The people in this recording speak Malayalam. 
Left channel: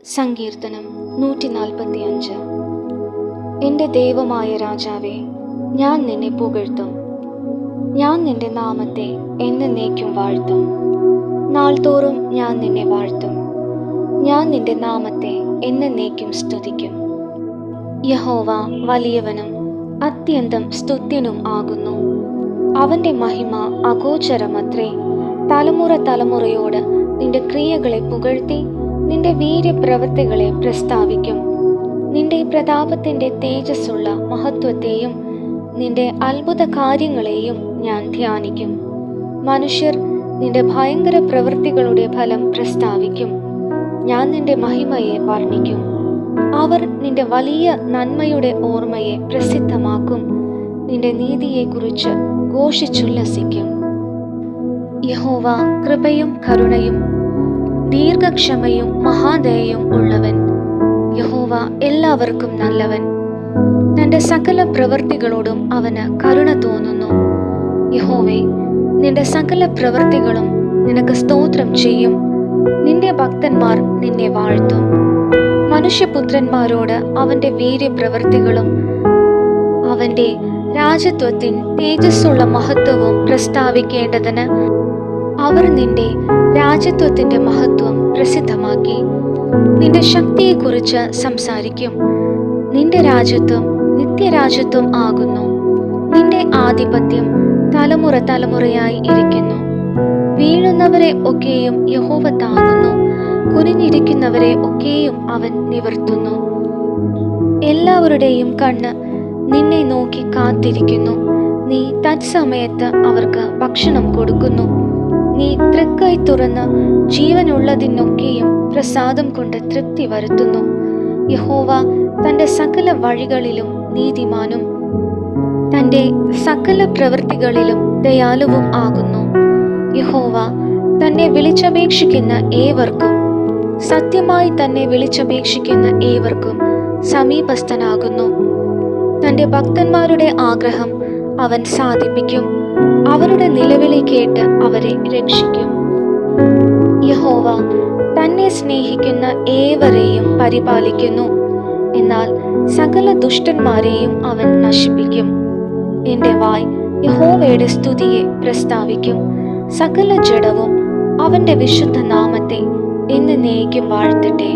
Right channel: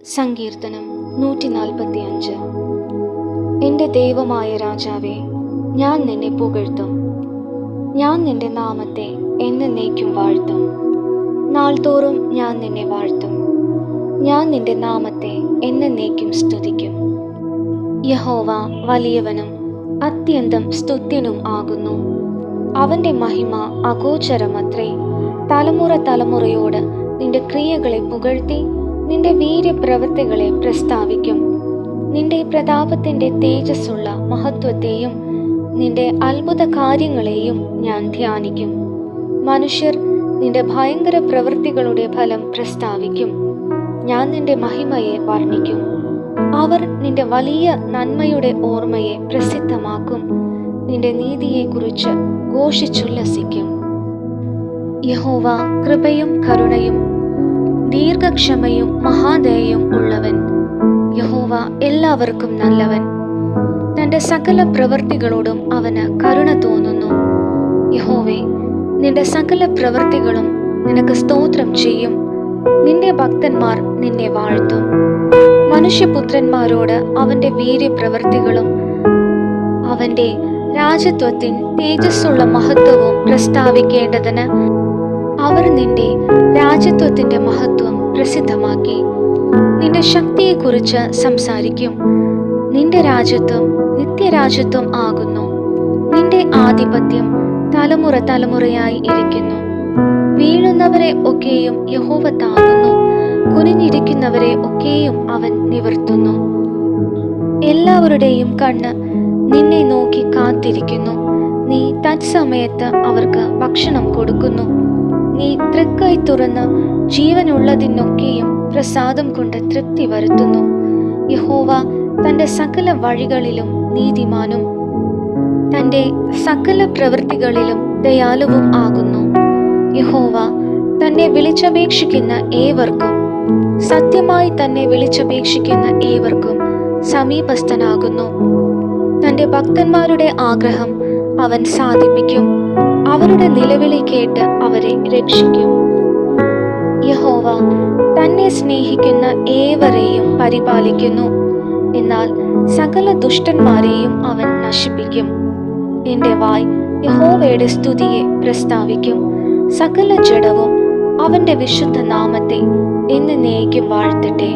സങ്കീർത്തനം 145. എൻ്റെ ദൈവമായ രാജാവേ, ഞാൻ നിന്നെ പുകഴ്ത്തും. ഞാൻ നിന്റെ നാമത്തെ എന്നേക്കും വാഴ്ത്തും. നാൾതോറും ഞാൻ നിന്നെ വാഴ്ത്തും. ഞാൻ നിന്റെ നാമത്തെ എന്നേക്കും സ്തുതിക്കും. യഹോവ വലിയവനും അത്യന്തം സ്തുത്യനും ആകുന്നു. അവൻ്റെ മഹിമ അഗോചരമത്രേ. തലമുറ തലമുറയോട് നിന്റെ ക്രിയകളെ പുകഴ്ത്തി നിന്റെ വീര്യപ്രവൃത്തികളെ പ്രസ്താവിക്കും. നിന്റെ പ്രതാപത്തിൻ്റെ തേജസ്സുള്ള മഹത്വത്തെയും നിന്റെ അത്ഭുത കാര്യങ്ങളെയും ഞാൻ ധ്യാനിക്കും. മനുഷ്യർ നിന്റെ ഭയങ്കര പ്രവൃത്തികളുടെ ഫലം പ്രസ്താവിക്കും. ഞാൻ നിന്റെ മഹിമയെ വർണ്ണിക്കും. അവർ നിന്റെ വലിയ നന്മയുടെ ഓർമ്മയെ പ്രസിദ്ധമാക്കും. നിന്റെ നീതിയെക്കുറിച്ച് ഘോഷിച്ചുല്ലസിക്കും. യഹോവ കൃപയും കരുണയും ദീർഘക്ഷമയും മഹാദയയും ഉള്ളവൻ. യഹോവ എല്ലാവർക്കും നല്ലവൻ. തൻ്റെ സകല പ്രവൃത്തികളോടും അവന് കരുണ തോന്നുന്നു. യഹോവേ, നിന്റെ സകല പ്രവൃത്തികളും നിനക്ക് സ്തോത്രം ചെയ്യും. നിന്റെ ഭക്തന്മാർ നിന്നെ വാഴ്ത്തും. മനുഷ്യപുത്രന്മാരോട് അവൻ്റെ വീര്യപ്രവൃത്തികളും അവൻ്റെ രാജത്വത്തിൻ തേജസ്സുള്ള മഹത്വവും പ്രസ്താവിക്കേണ്ടതിന് അവർ നിന്റെ രാജത്വത്തിൻ്റെ മഹത്വം പ്രസിദ്ധമാക്കി. നിന്റെ ശക്തിയെക്കുറിച്ച് സംസാരിക്കും. നിന്റെ രാജത്വം നിത്യരാജത്വം ആകുന്നു. നിന്റെ ആധിപത്യം തലമുറ തലമുറയായി ഇരിക്കുന്നു. വീഴുന്നവരെ ഒക്കെയും യഹോവ താങ്ങുന്നു. കുനിഞ്ഞിരിക്കുന്നവരെ ഒക്കെയും അവൻ നിവർത്തുന്നു. എല്ലാവരുടെയും കണ്ണ് നിന്നെ നോക്കി കാത്തിരിക്കുന്നു. നീ തത്സമയത്ത് അവർക്ക് ഭക്ഷണം കൊടുക്കുന്നു. നീ തൃക്കൈ തുറന്ന് ജീവനുള്ളതിനൊക്കെയും പ്രസാദം കൊണ്ട് തൃപ്തി വരുത്തുന്നു. യഹോവ തൻ്റെ സകല വഴികളിലും നീതിമാനും തൻ്റെ സകല പ്രവൃത്തികളിലും ദയാലുവും ആകുന്നു. യഹോവ തന്നെ വിളിച്ചപേക്ഷിക്കുന്ന ഏവർക്കും, സത്യമായി തന്നെ വിളിച്ചപേക്ഷിക്കുന്ന ഏവർക്കും സമീപസ്ഥനാകുന്നു. തൻ്റെ ഭക്തന്മാരുടെ ആഗ്രഹം അവൻ സാധിപ്പിക്കും. അവരുടെ നിലവിളി കേട്ട് അവരെ രക്ഷിക്കും. യഹോവ തന്നെ സ്നേഹിക്കുന്ന ഏവരെയും പരിപാലിക്കുന്നു. എന്നാൽ സകല ദുഷ്ടന്മാരെയും അവൻ നശിപ്പിക്കും. എൻ്റെ വായ് യഹോവയുടെ സ്തുതിയെ പ്രസ്താവിക്കും. സകല ജഡവും അവൻ്റെ വിശുദ്ധ നാമത്തെ എന്നേക്കും വാഴ്ത്തട്ടെ.